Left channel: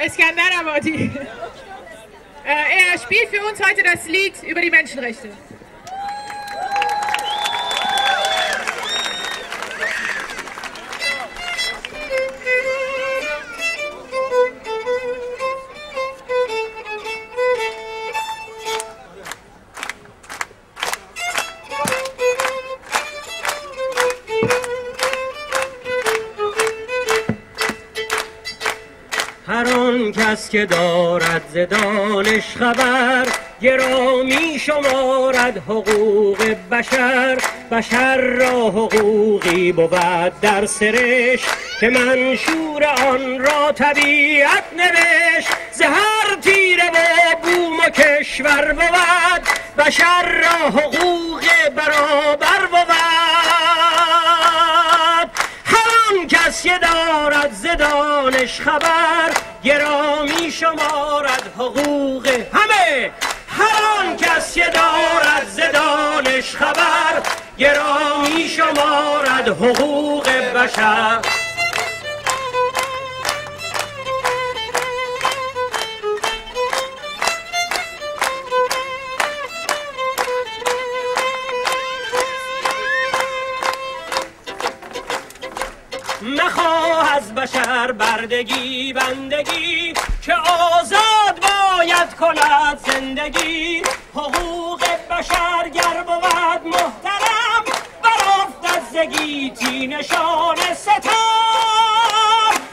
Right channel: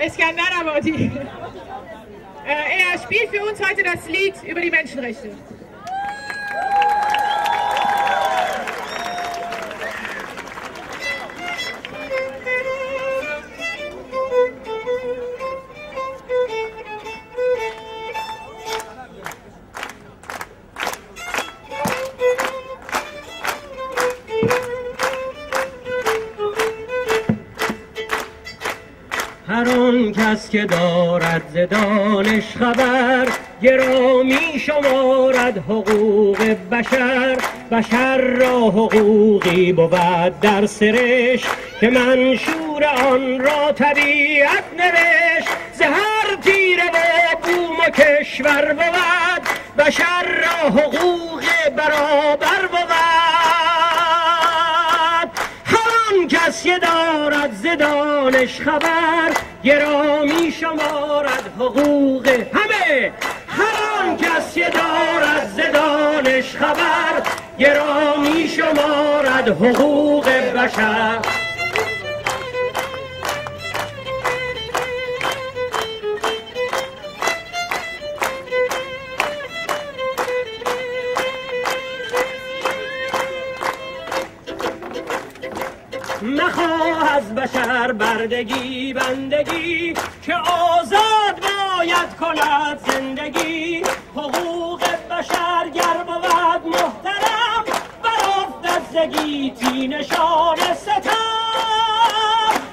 Eskander Abadi. Er spielt für uns heute das Lied über die Menschenrechte. هر آن کس که دارد ز دانش خبر، گرامی شمارد حقوق بشر. بشر را حقوقی بود در سرشت، که منشور آن را طبیعت نوشت. ز هر تیره و بوم و کشور بود، بشر را حقوق برابر بود. کس که دارد ز دانش خبر، گرامی شمارد حقوق همه. هر آن کس که دارد ز دانش خبر، گرامی شمارد حقوق بشر. مخواه از بشر بردگی بندگی، که آزاد باید کند زندگی. حقوق بشر گر بود محترم، برافتد ز گیتی نشان ستم.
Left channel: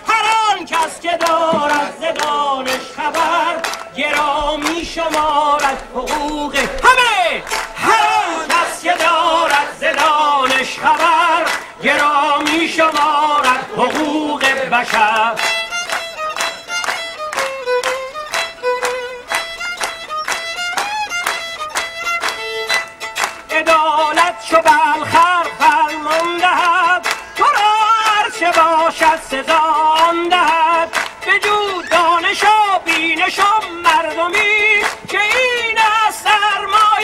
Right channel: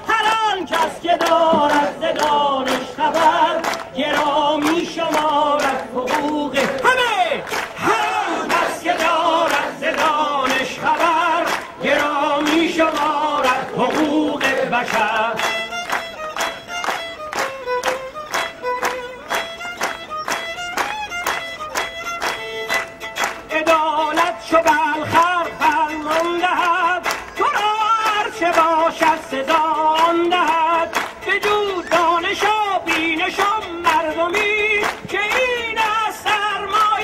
هر آن کس که دارد ز دانش خبر، گرامی شمارد حقوق همه. هر آن کس که دارد ز دانش خبر، گرامی شمارد حقوق بشر. عدالت چو بالخر فرمان دهد، تو را هرچه باشد سزا آن دهد. بجو دانش و بینش و مردمی، که این است سرمایه